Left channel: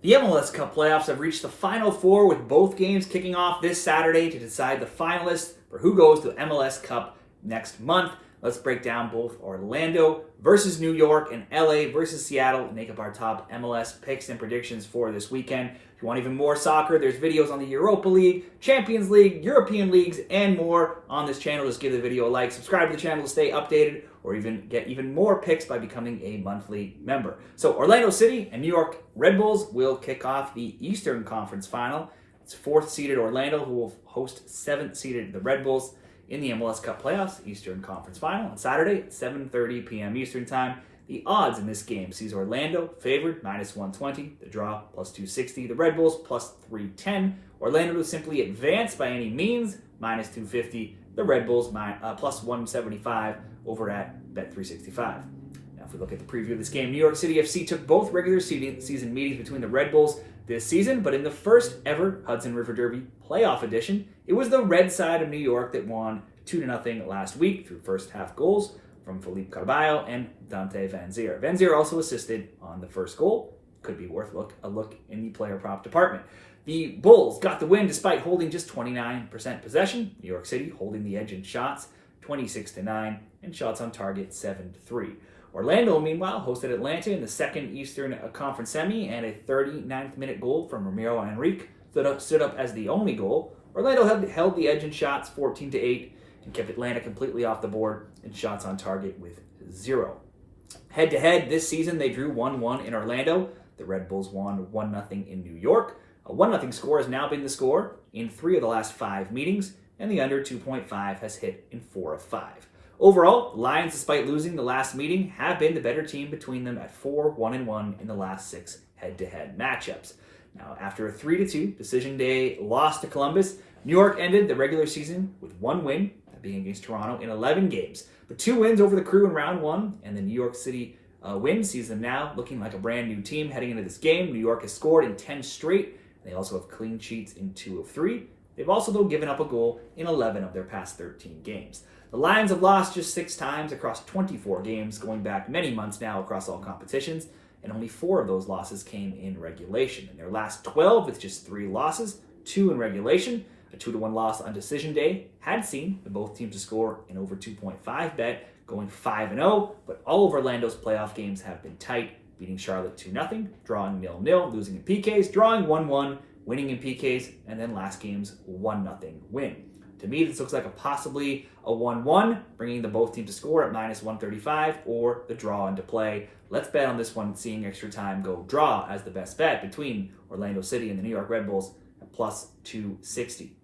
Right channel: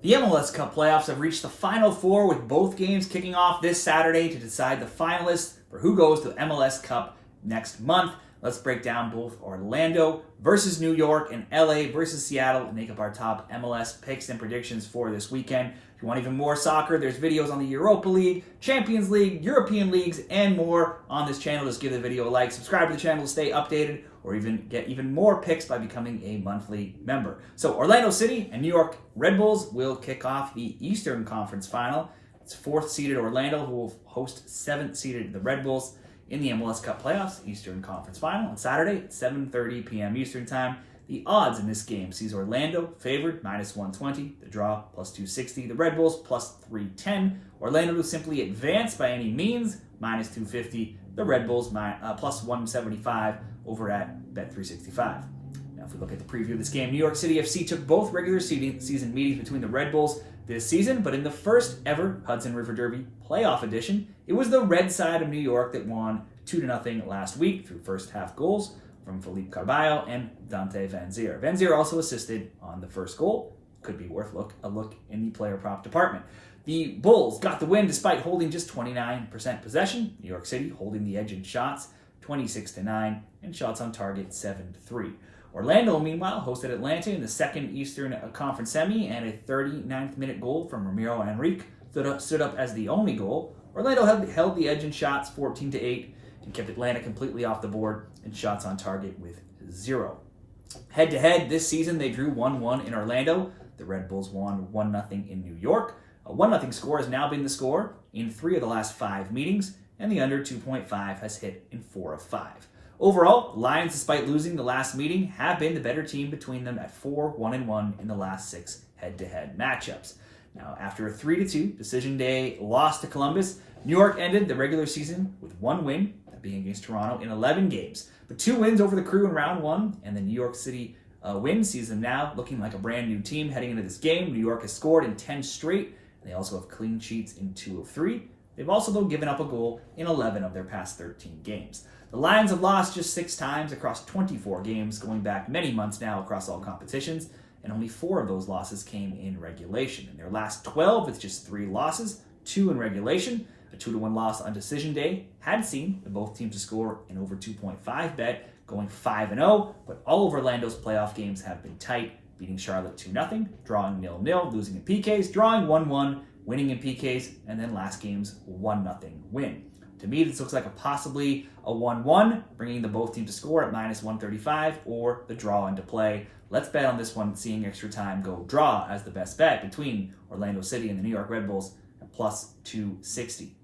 The MLS Cup Playoffs have reached the Final Four, with both games kicking off this Saturday to decide the finalists for who goes to MLS Cup next month. Let's break down both Orlando versus New York and LA versus Seattle and make up our top MLS picks and predictions for this weekend. If you want even more soccer, there's videos on the Europa League, Champions League, European leagues, and more on this channel. Just give the video a like, subscribe to the channel to stay updated, or even get even more picks by becoming a monthly member. So Orlando City and New York Red Bulls will kick off the Eastern Conference Final. It's 4th-seeded Orlando who will host 7th-seeded the Red Bulls in the MLS Cup Playoffs Eastern Conference Final on Saturday at 7:30 p.m. Eastern Time. The odds in this game sees Orlando favored -120, the draw +260, the Red Bulls +310, Orlando to simply advance by any means -250, the Red Bulls +175 over at Bet365. Now, if we look at the preview of this game, New York City FC took both regular season meetings between the Red Bulls this season, but in the first ever Hudson River Derby playoff edition, it was the red side of New York that won 2-0 last week through first half goals from Felipe Carballo and Dante Vanzeir. Vanzeir also assisted on the first goal. Could be worth a look in the player prop department. The Bulls got the win despite holding just 29% possession. New York City holding the edge in shots, 26-9, and shots on target 7-3. Orlando, meanwhile, hosted Atlanta in the second Eastern Conference semi, and a 39th minute goal from Ramiro Henrique stood up as the only goal. Orlando held the edge in shots 14-8 and kept Atlanta completely off the board in shots on target with 0. Head-to-head this season, they drew 1-1 in Orlando. The Red Bulls won 1-0 in New York. A 1-0 score has now been the score in 3 of the last 5 meetings, and the under 2.5 has hit in 4 of 5. Overall, the Lions, despite losing the last meeting, have been the better team between them at 4-1-1 in the last 6 head-to-head matchups. Now, after a 3-2 decision day loss to Columbus, New York ended the regular season with 1 win, that being against Toronto, in 11 games. But 2 wins over the Crew in round 1, and the New York City win sees them now looking like a brand new team heading into this game. New York has scored in 10 straight. They also have clean sheets in 2 of 3. They've also, though, given up a goal in 11 of their past 13 games. The Lions have lost just 6 times across 24 games, going back many months now across all competitions, and only 4 of those losses came in regulation. In their last 12, with just 3 losses, 2 in regulation, a 2-1 loss on decision day had seen both teams to score an over 2.5 bet, going 5-0, but all of Orlando's playoff games have been tight, beating Charlotte 2-0, drawing 0-0, losing in PKs, drawing 1-1, winning in PKs, and then last game's 1-0 win. To me, this looks like possibly a 1-1, bringing the both teams to score at -135 or the draw into play. Let's bet on this one, seeing extra time go draw as the best bet between Orlando City and the New York Red Bulls at +260.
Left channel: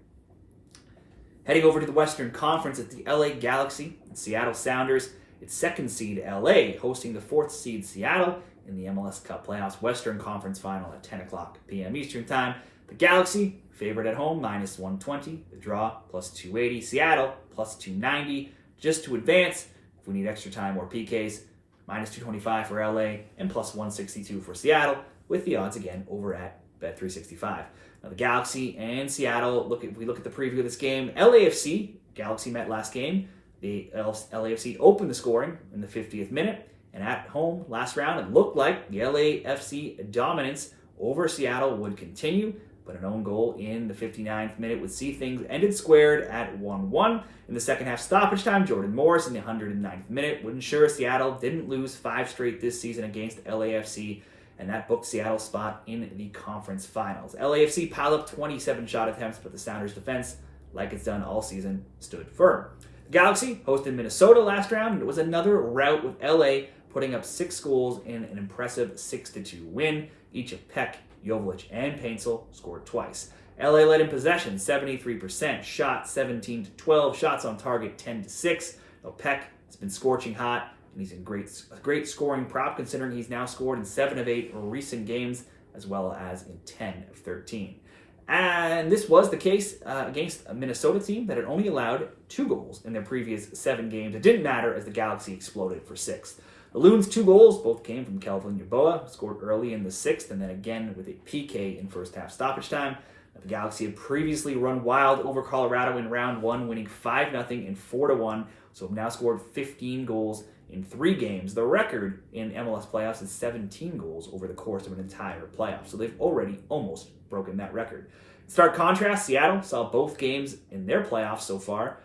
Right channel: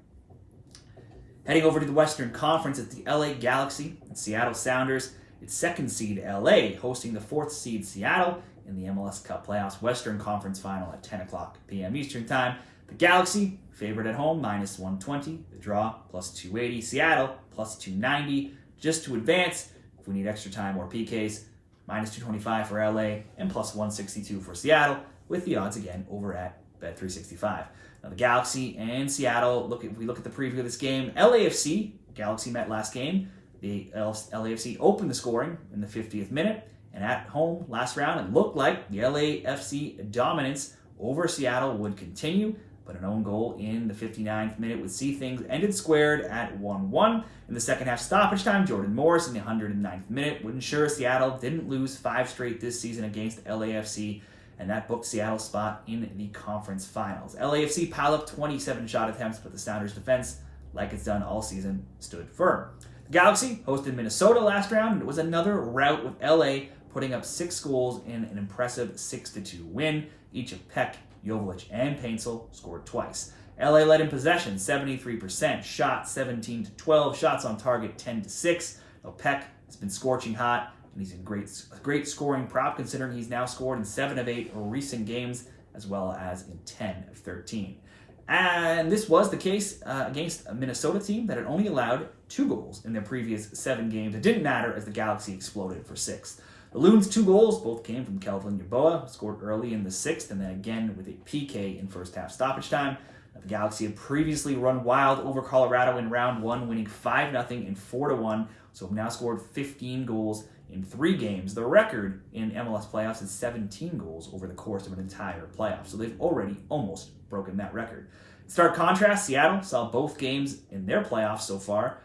Heading over to the Western Conference at the LA Galaxy and Seattle Sounders. It's 2nd seed LA hosting the 4th seed Seattle in the MLS Cup Playoffs Western Conference Final at 10 o'clock p.m. Eastern Time. The Galaxy favored at home -120, the draw +280, Seattle +290 just to advance. If we need extra time or PKs, -225 for LA and +162 for Seattle, with the odds again over at Bet365. Now the Galaxy and Seattle, if we look at the preview of this game, LAFC, Galaxy met last game. The LAFC opened the scoring in the 50th minute, and at home last round, it looked like the LAFC dominance over Seattle would continue, but an own goal in the 59th minute would see things ended squared at 1-1. In the second half stoppage time, Jordan Morris in the 109th minute would ensure Seattle didn't lose 5 straight this season against LAFC, and that booked Seattle's spot in the conference finals. LAFC piled up 27 shot attempts, but the Sounders' defense, like it's done all season, stood firm. The Galaxy hosted Minnesota last round, and it was another rout with LA putting up 6 goals in an impressive 6-2 win. Each of Peck, Joveljic, and Paintsel scored twice. LA led in possession, 73%, shots 17-12, shots on target 10-6. Now Peck has been scorching hot, and he's in great scoring prop, considering he's now scored in 7 of 8 recent games, as well as in 10 of 13. And this was the case against a Minnesota team that had only allowed 2 goals in their previous 7 games. It didn't matter as the Galaxy exploded for 6. The Loons' 2 goals both came from Kelvin Yeboah, who scored early in the 6th, and then again with a PK in first half stoppage time. The Galaxy had previously run wild over Colorado in round 1, winning 5-0 and 4-1, so have now scored 15 goals in 3 games. The record in MLS playoffs is 17 goals over the course of an entire playoff. So they've already almost broken that record. In stark contrast, Seattle saw both games in their playoffs so far,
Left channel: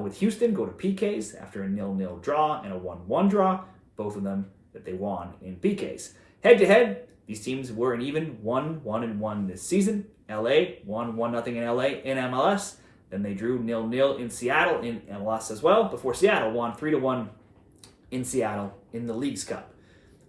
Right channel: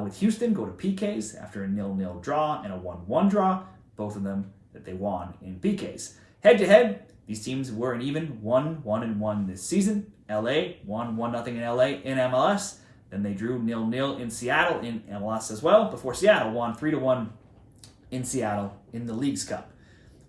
with Houston go to PKs after a 0-0 draw and a 1-1 draw, both of them that they won in PKs. Head-to-head, these teams were an even 1-1-1 this season. LA won 1-0 in LA in MLS. Then they drew 0-0 in Seattle in MLS as well, before Seattle won 3-1 in Seattle in the Leagues Cup.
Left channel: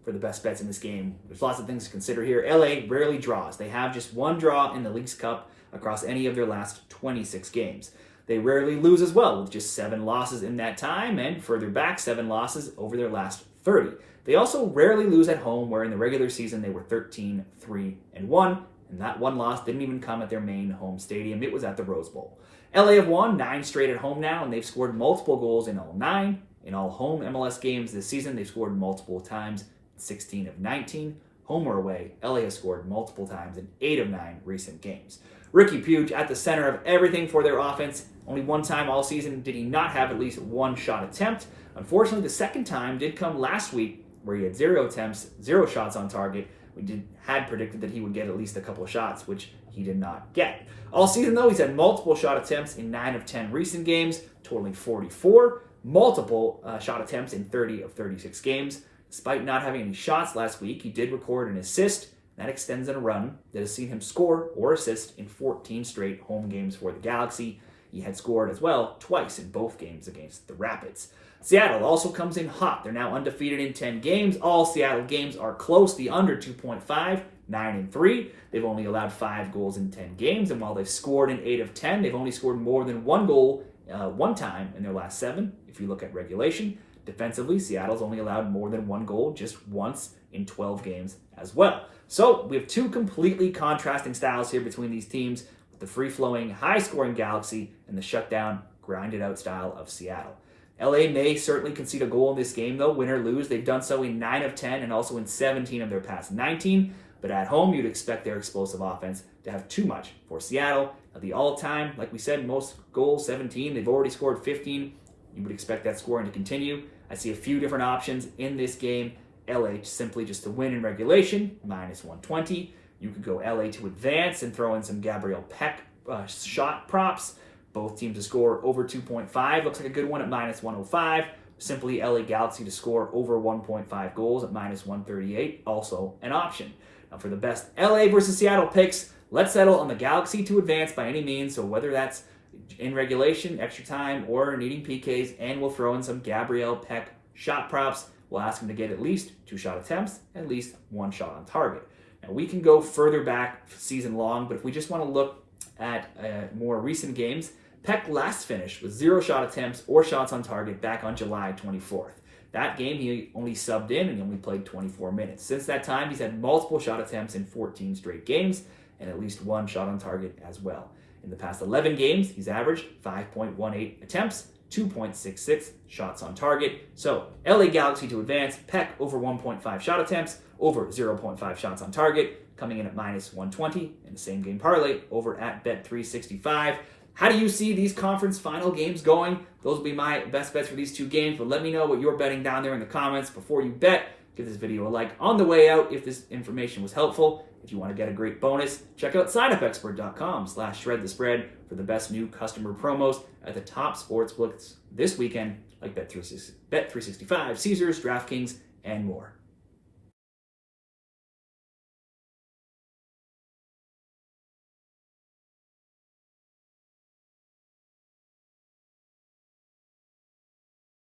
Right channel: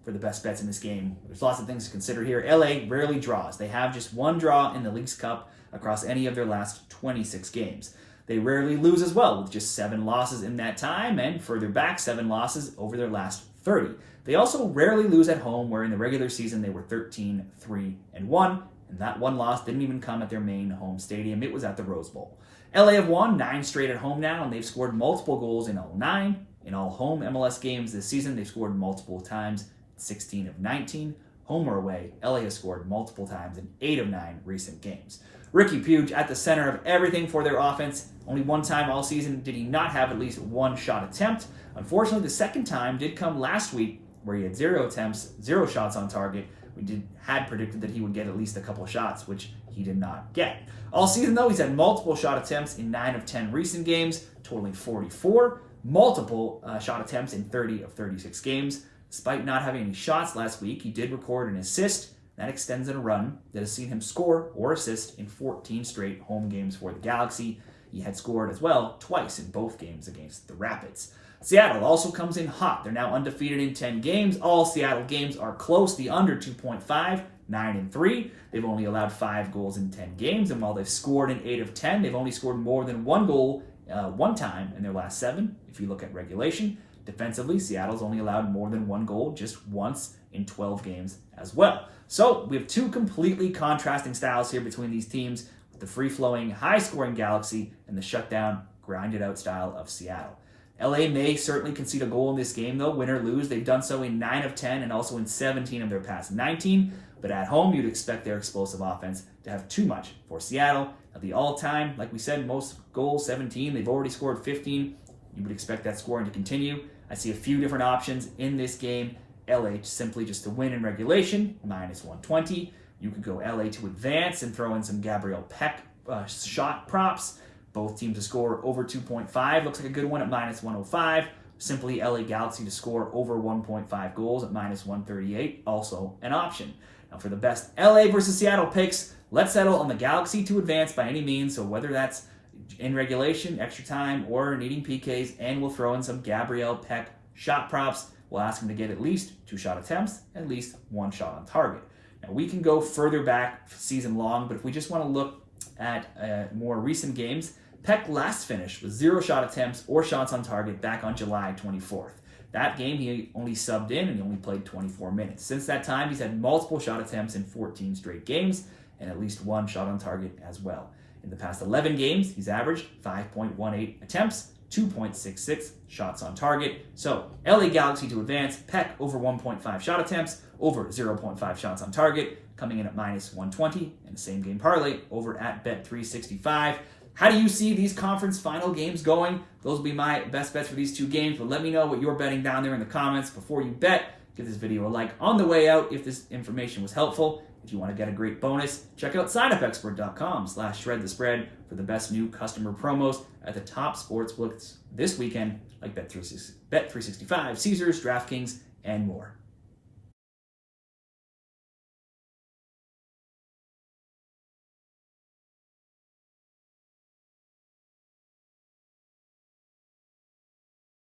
For the best bets in this game, there's lots of things to consider here. LA rarely draws. They have just 1 draw in the Leagues Cup across any of their last 26 games. They rarely lose as well, with just 7 losses in that time, and further back, 7 losses over their last 30. They also rarely lose at home, where in the regular season they were 13-3-1, and that 1 loss didn't even come at their main home stadium. It was at the Rose Bowl. LA have won 9 straight at home now, and they've scored multiple goals in all 9. In all home MLS games this season, they've scored multiple times, 16 of 19. Home or away, LA has scored multiple times in 8 of 9 recent games. Ricky Puig at the center of everything for their offense. Only 1 time all season did he not have at least 1 shot attempt. Unfortunately, the second time did come last week, where he had 0 attempts, 0 shots on target. We had predicted that he would get at least a couple of shots, which he did not get. All season, though, he's had multiple shot attempts in 9 of 10 recent games, totaling 44. Multiple shot attempts in 30 of 36 games. Despite not having any shots last week, he did record an assist. That extends in a run that has seen him score or assist in 14 straight home games for the Galaxy. He had scored as well twice in both games against the Rapids. Seattle also comes in hot. They're now undefeated in 10 games. All Seattle games are close. The under 2.5, 9-3. They've only allowed 5 goals in 10 games, and while they've scored in 8 of 10, they've only scored more than 1 goal 1 time in their last 7, if you look at regulation. Defensively, Seattle's only allowed more than 1 goal just once in 12 games as well. So we have 2 completely contrasting styles here between these teams, with the free-flowing, high-scoring Galaxy and the shutdown, grinded-out style of Seattle. LA may certainly concede a goal in this game, though, win or lose. They've done so in 9 of 10 and also in 17 of their past 19. But at home, you'd expect their explosive offense to have too much for Seattle. At the all-time, like we said, most goals, 17. They've already scored 15. You would expect that scoring to continue. I see a few different options in this game. LA simply just to win in regulation, minus 120. You could go LA to advance and throw in some Gabriel Peck shot props. Both teams to score over 2.5. Looks like a good one at minus 105. Simply LA Galaxy to score over 1.5 goals at minus 138. Also an option. Now for the best LA versus Seattle picks, let's settle on the Galaxy to advance by any means. So whether that's in regulation, extra time, or needing PKs, and we'll throw in some Gabriel Peck shot props. We'll ask him to get at least 2 shot attempts, at least 1 shot on target. Now we can go further back season long, but if we just want to look at more recent games, Peck last finished with 0 shot attempts or shots on target back on July 24th. That game, he only subbed in and he only played 24 minutes. Since that time, he's had multiple shot attempts in 14 straight games and at least 1 shot on target as well. In the past 11 games, he's averaged 5.18 attempts, 2.66 shots on target. So, LA Galaxy to advance, Peck over 1.5 shot attempts, over 0.5 shots on target, coming in at minus 120, and the same game parlay over at Bet365. How do you see these conference final games going? Those will be my best bets for these 2 games, but let me know what you're betting down there in the comments. Before you bet, give this video a like on the way out if this information was helpful. If you want to get a great bonus, check out signup.expert.com/shredthespread for the best new customer promos at the top sportsbooks this weekend, like Bet365, Caesars, DraftKings, and more.